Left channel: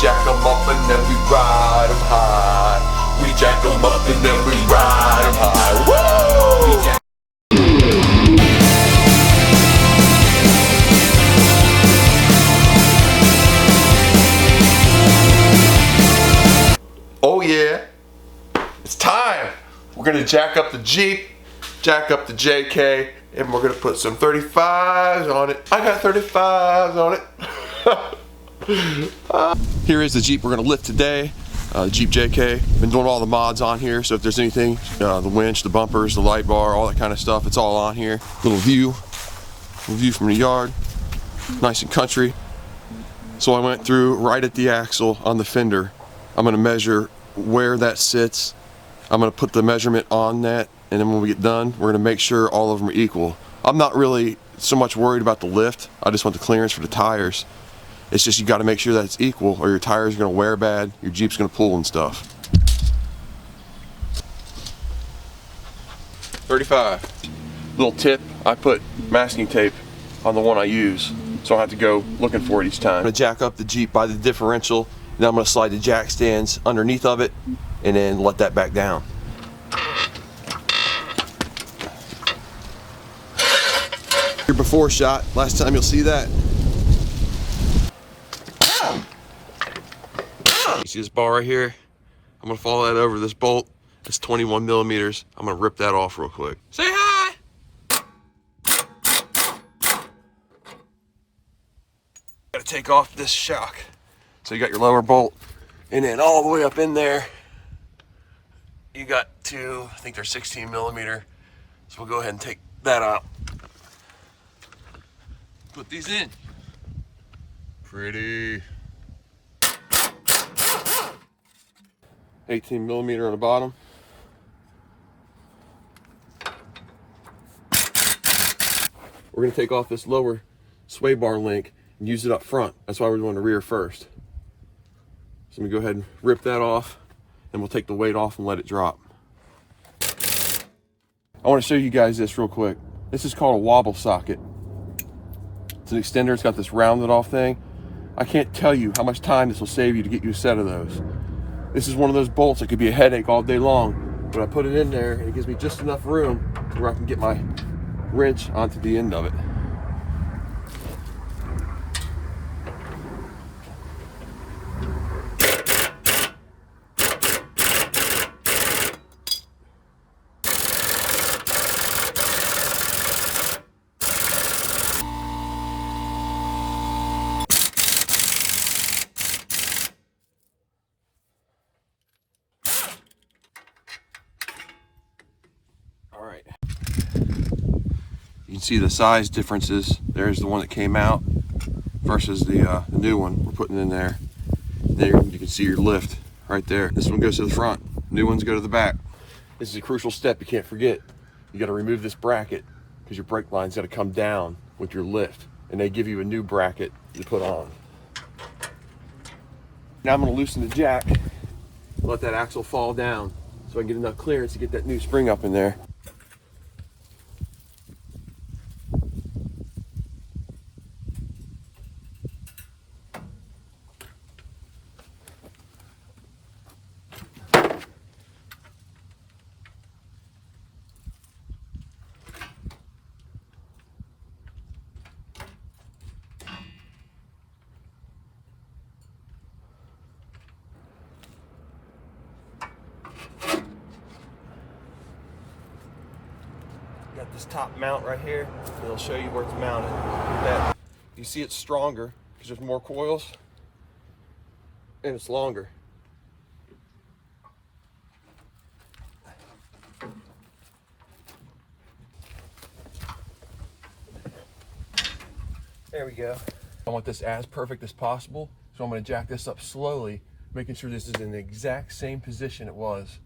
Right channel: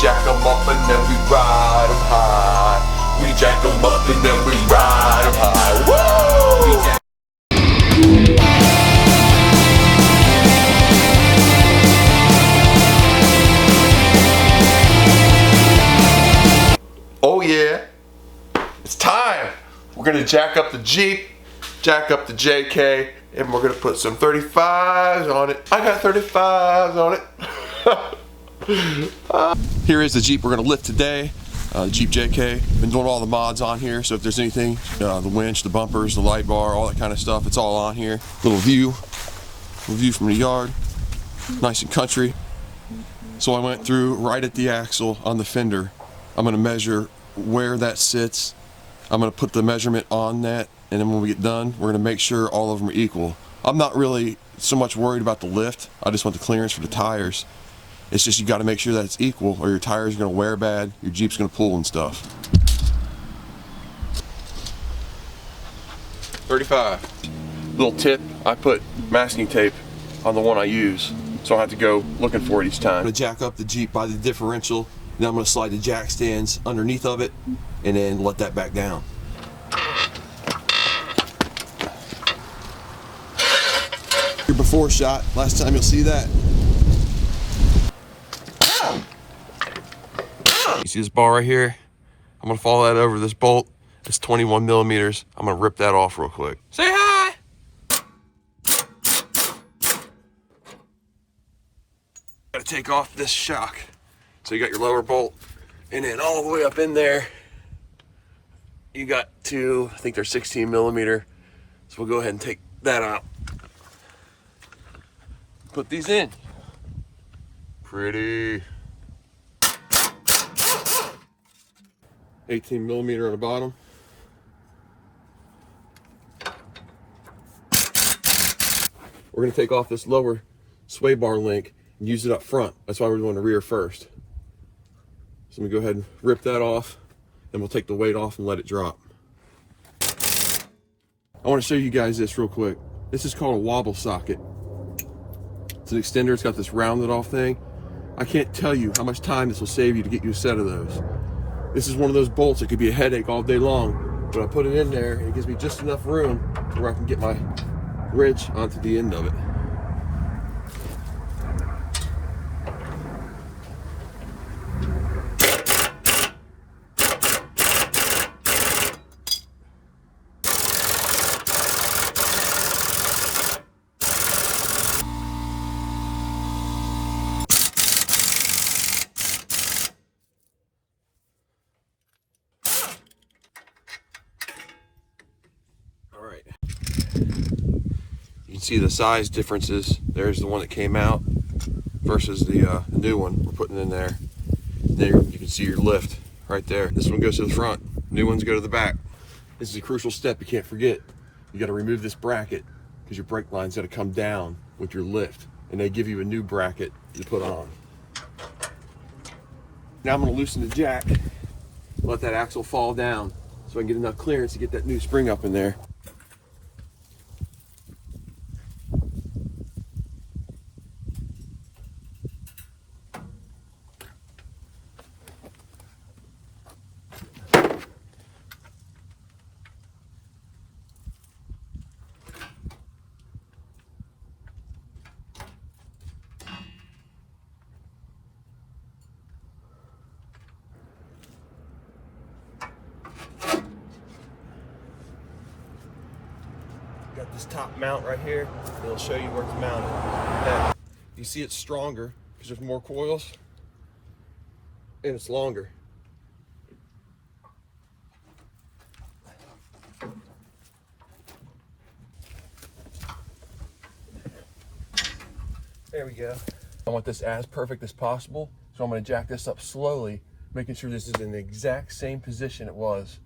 jack 'em up and then we ride 'em high. We jack 'em up and then we ride 'em high. Woo! We jack Oh yeah, it's time. We're gonna jack up the Jeep, jack up the JK, and we're gonna put some 35s on it. I got 35s on it. Here is the Jeep we're gonna lift today. The Jeep JK. Been doing all the mods on here, so if there's anything, the winch, the bumpers, the light bar, all that kind of stuff, it's all on here. Little view from the yard, nice and country. So I went through right at the axle on the fender. I'm gonna measure where that sits. I'm gonna put the measurement on that, and then when we get done, we're gonna make sure all of them are equal. I'm not really so much worried about the lift. I just want the clearance for the tires. It's just you gotta make sure that it's equal or your tires are gonna wear bad, your Jeep's gonna pull and stuff. 35. Little tip, I put masking tape on the one I use, so I don't have to go looking for it each time. I'm gonna jack up the Jeep by the differential. Then I'm going to slide the jack stands underneath of it and then let that back down. Your before shot, last time you'll see that. You see this bar right here? I'm going to follow that over this bolt. It's 21 millimeters. I'm going to rip that off real quick. Say hi! Got to take off this shock. So you got your lower bolt, and then all the way up in there, you got two, I think they're 16 millimeter. So we'll go ahead and take that out. Put these in. Pretty. 18 millimeter on the bottom. We're gonna take off this lower sway bar link and use it up front. That's why we're doing the rear first. So let me go ahead and rip that off, and we'll take the weight off and let it drop. I want to show you guys this real quick. This is called a Wobble Socket. It's an extender. It's got this rounded off thing. I can't tell you how much time this will save you to get you a set of those. This is one of those bolts that could be a headache all day long, but I put it in there and it gives me just enough room where I can get my wrench onto the end of it. You can see the size differences. There's the one that came out versus the new one we're putting in there. There you can see your lift right there. This one goes to the front, new ones go to the back. This is a crucial step you can't forget. You got to remove this bracket because your brake line's got to come down with your lift, and they give you a new bracket you put on. Now I'm going to loosen the jack, let that axle fall down so I can get enough clearance to get that new spring up in there. Got this top mount right here. It'll show you where it's mounted. Put that. You see it's stronger because there's more coils and it's longer. There we go. I want this as perfect as possible, so I'm going to jack this up slowly, making sure this is in the exact same position it was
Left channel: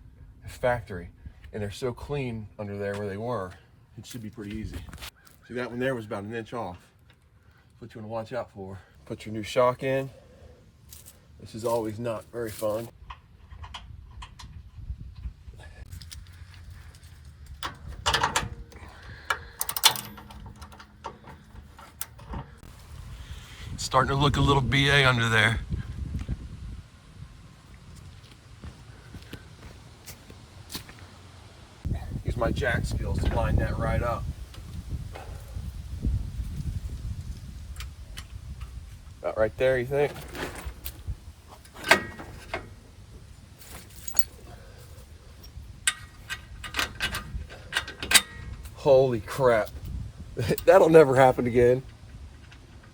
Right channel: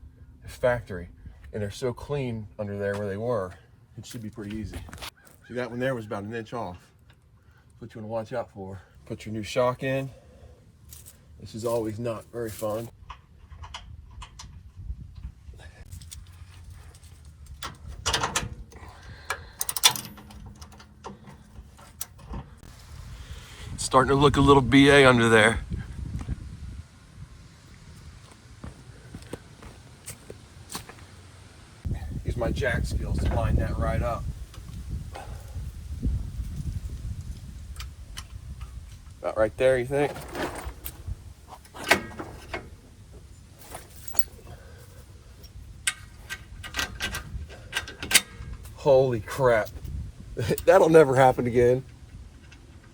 at factory. And they're so clean under there where they were. It should be pretty easy. See, that one there was about 1 inch off. That's what you want to watch out for. Put your new shock in. This is always not very fun. It's starting to look a little BA under there. my jack skills to line that right up. About right there, you think? Holy crap. That'll never happen again.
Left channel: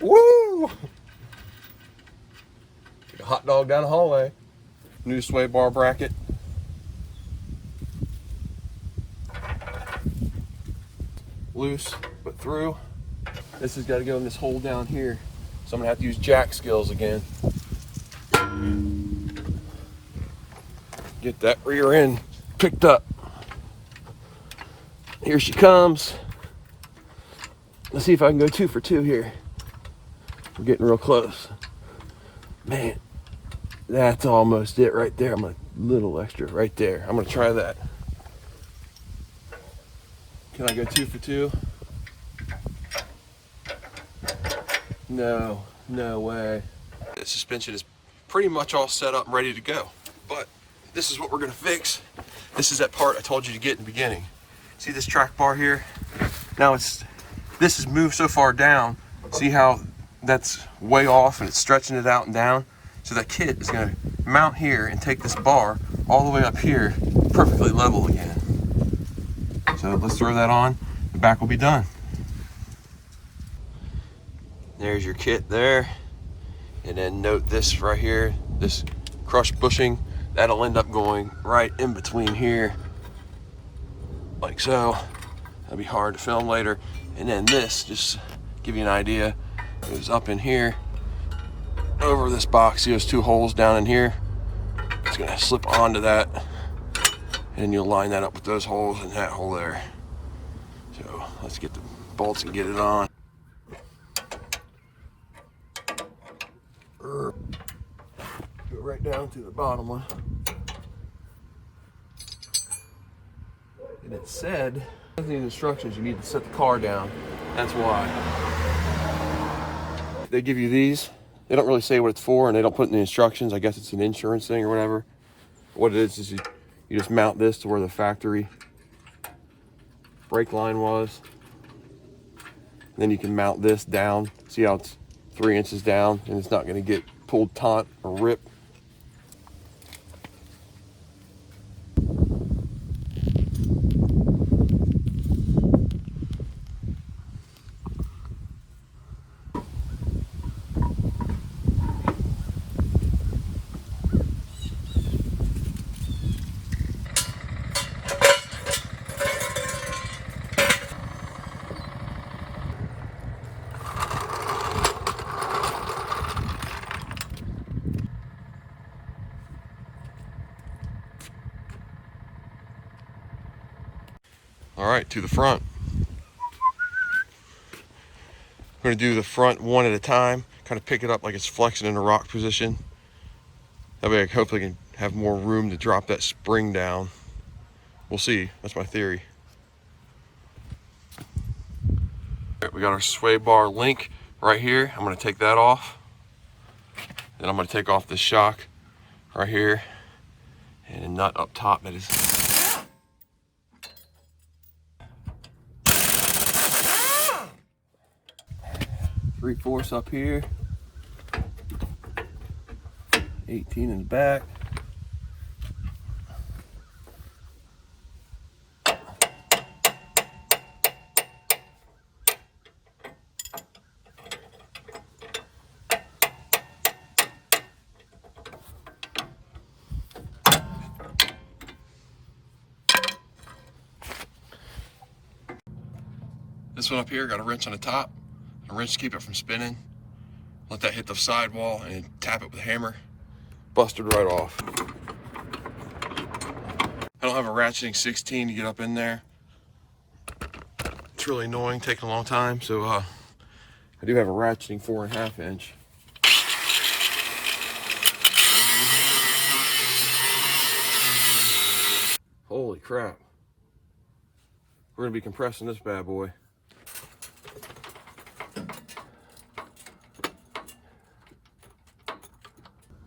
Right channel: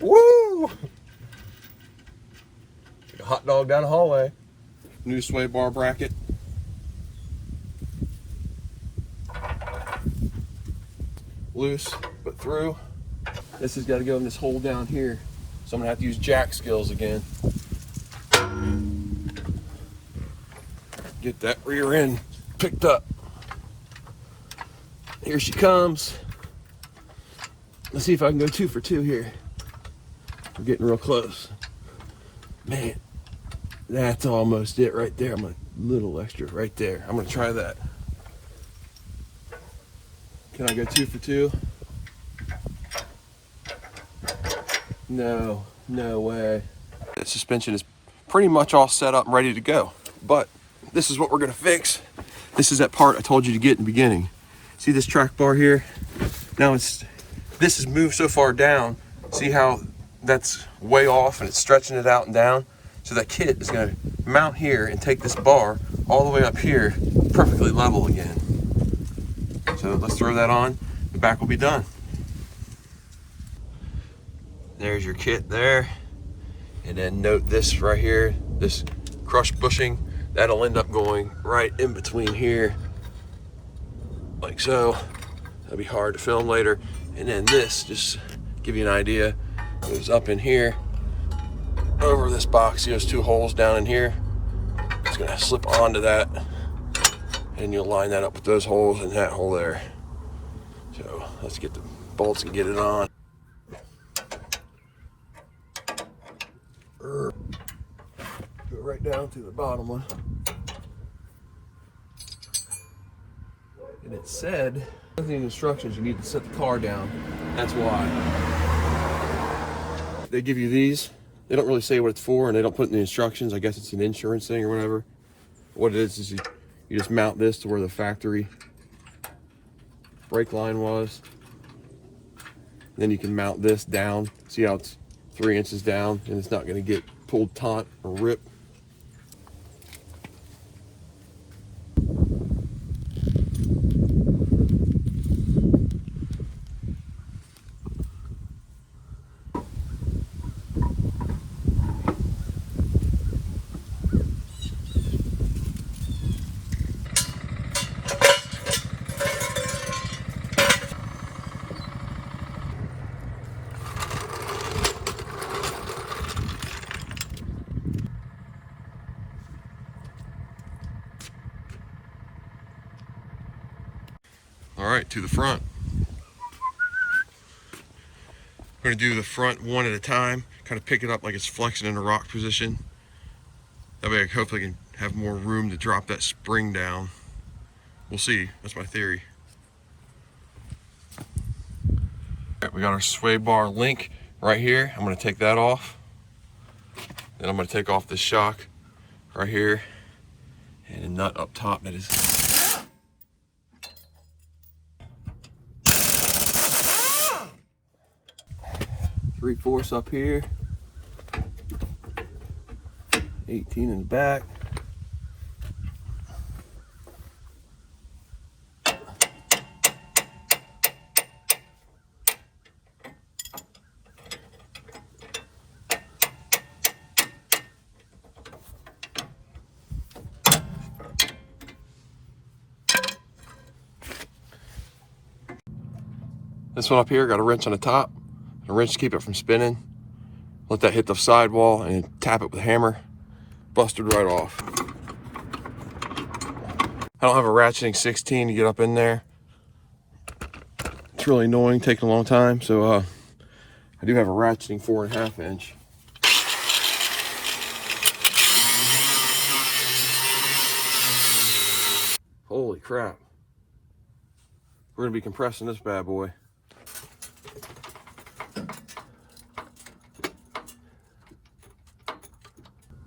Woo! Like a hot dog down the hallway. New sway bar bracket. Loose, but through. This has got to go in this hole down here. So I'm gonna have to use jack skills again. Get that rear end picked up. Here she comes. Let's see if I can go 2 for 2 here. We're getting real close. Man, that's almost it right there. I'm a little extra right there. I'm gonna try that. Can I go 2 for 2? No, no way. The suspension is pretty much all set up and ready to go. But this is what we're gonna fix. This is that part I told you to get in the beginning. See this track bar here? Now this is moved so far down. See how that's way off and it's stretching it out and down? So that kit is gonna mount here and take this bar all the way up here, perfectly level again. So let's throw that on, the back will be done. There's your kit there. And then note this right here, this crushed bushing, that'll end up going right in between here, like so. That'll be hard to film later. And then this, just to give you an idea, goes up in here, over this box. See those 2 holes down in here? It's gonna slip onto that, and you'll line that up with those holes and that hole there. So let's get the bolts and get it on. Go right down to the bottom one. And it said, in the instructions, you need to set the car down. That's why. They give you these. They don't really say what it's for, and they don't put in the instructions. I guess it's an insurance thing or whatever. What it is you just mount this to where the factory brake line was. Then you can mount this down. See how it's 3 inches down, and it's not going to get pulled taut or ripped. All right, to the front. We're gonna do the front one at a time, kind of pick it up like it's flexing in a rock position. That way I hopefully can have more room to drop that spring down. We'll see, that's my theory. All right, we got our sway bar link right here. I'm gonna take that off. Then I'm gonna take off this shock right here and a nut up top that is 3/4 up here, 18 in the back. This one up here got a wrench on the top. A wrench to keep it from spinning. Let that hit the sidewall and tap it with a hammer. Busted right off. I don't have a ratcheting 16 to get up in there. It's really annoying, taking a long time. So I do have a ratcheting 4.5 inch. Holy crap. We're gonna be compressing this bad boy.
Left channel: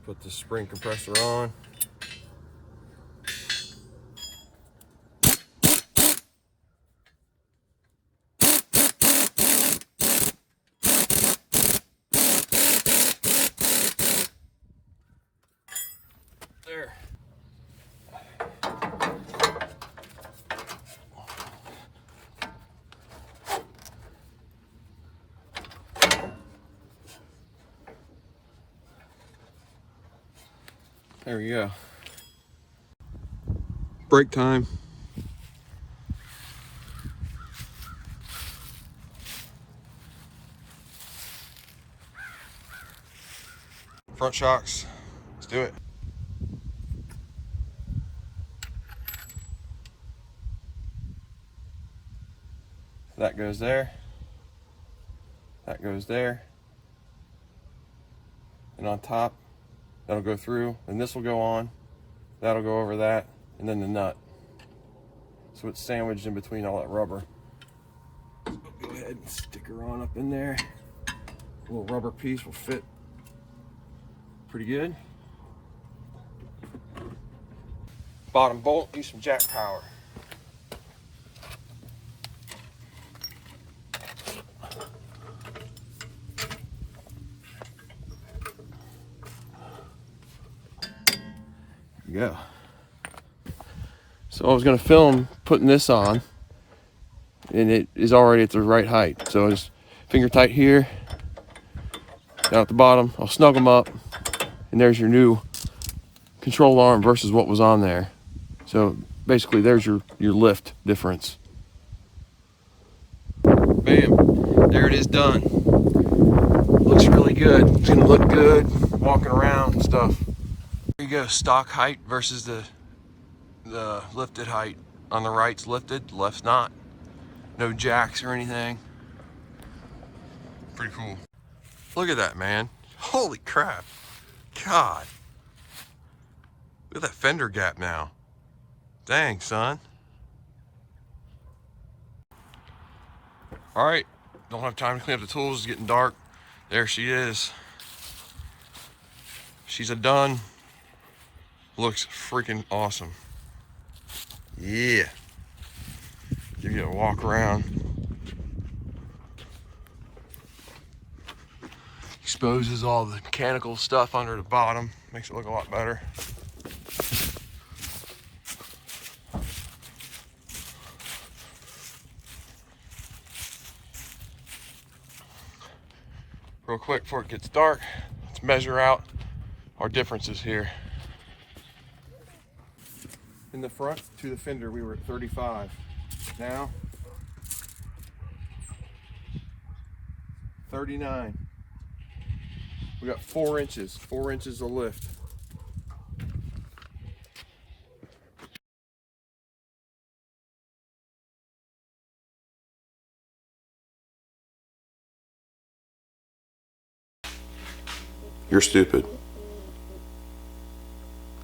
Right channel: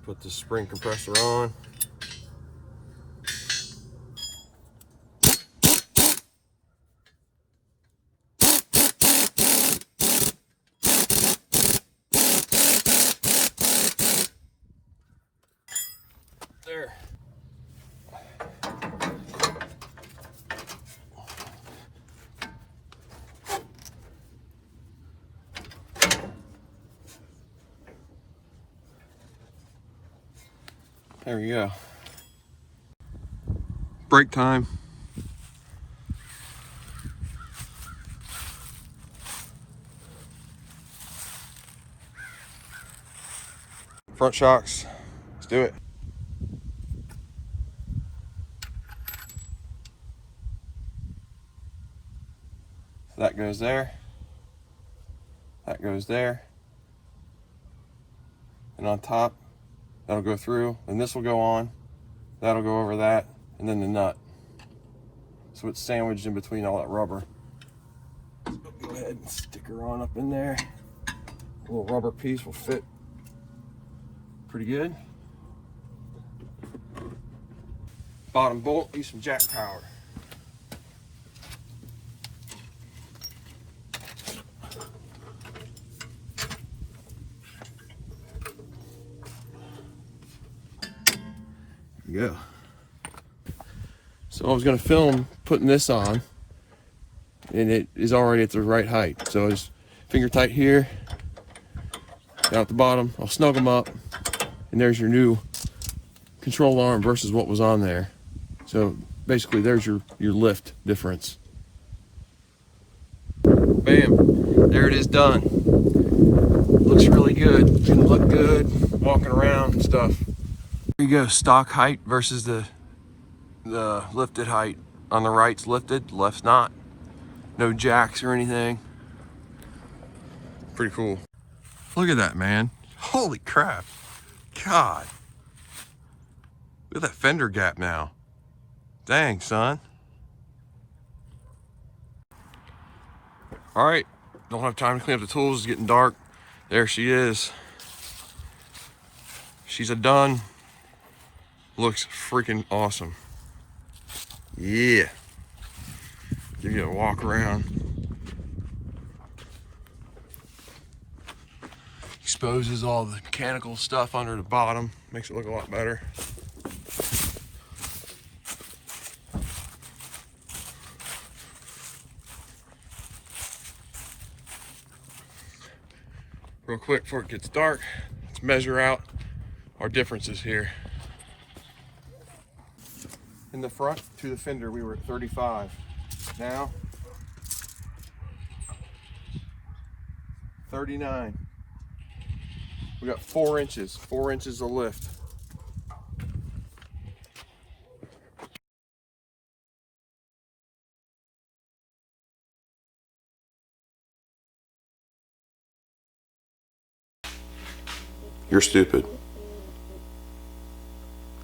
Put the spring compressor on. There we go. Break time. Front shocks. Let's do it. So that goes there. That goes there. And on top, that'll go through, and this will go on. That'll go over that, and then the nut. So it's sandwiched in between all that rubber. Go ahead and stick her on up in there. A little rubber piece will fit pretty good. Bottom bolt, use some jack power. There we go. So I was going to film putting this on, and it is already at the right height. So just finger tight here, down at the bottom. I'll snug them up, and there's your new control arm versus what was on there. So basically there's your lift difference. Bam, there it is done. Looks really good. It's gonna look good walking around and stuff. There you go, stock height versus the lifted height. On the right's lifted, left's not. No jacks or anything. Pretty cool. Look at that, man. Holy crap. God. Look at that fender gap now. Dang, son. All right, don't have time to clean up the tools. It's getting dark. There she is. She's a done. Looks freaking awesome. Yeah. Give you a walk around. Exposes all the mechanical stuff under the bottom. Makes it look a lot better. Real quick before it gets dark, let's measure out our differences here. In the front to the fender, we were at 35. Now, 39. We got 4 inches of lift. You're stupid.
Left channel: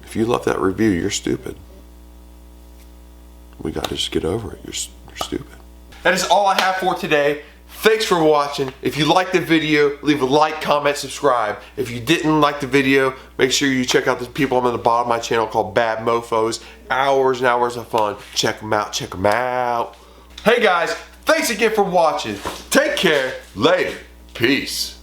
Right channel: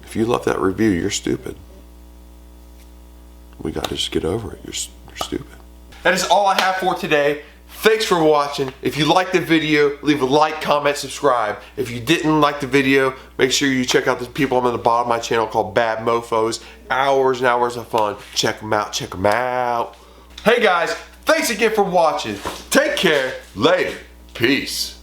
If you left that review, you're stupid. We got to just get over it. You're stupid. That is all I have for today. Thanks for watching. If you liked the video, leave a like, comment, subscribe. If you didn't like the video, make sure you check out the people on the bottom of my channel called Bad Mofos. Hours and hours of fun. Check them out. Check them out. Hey guys, thanks again for watching. Take care. Later. Peace.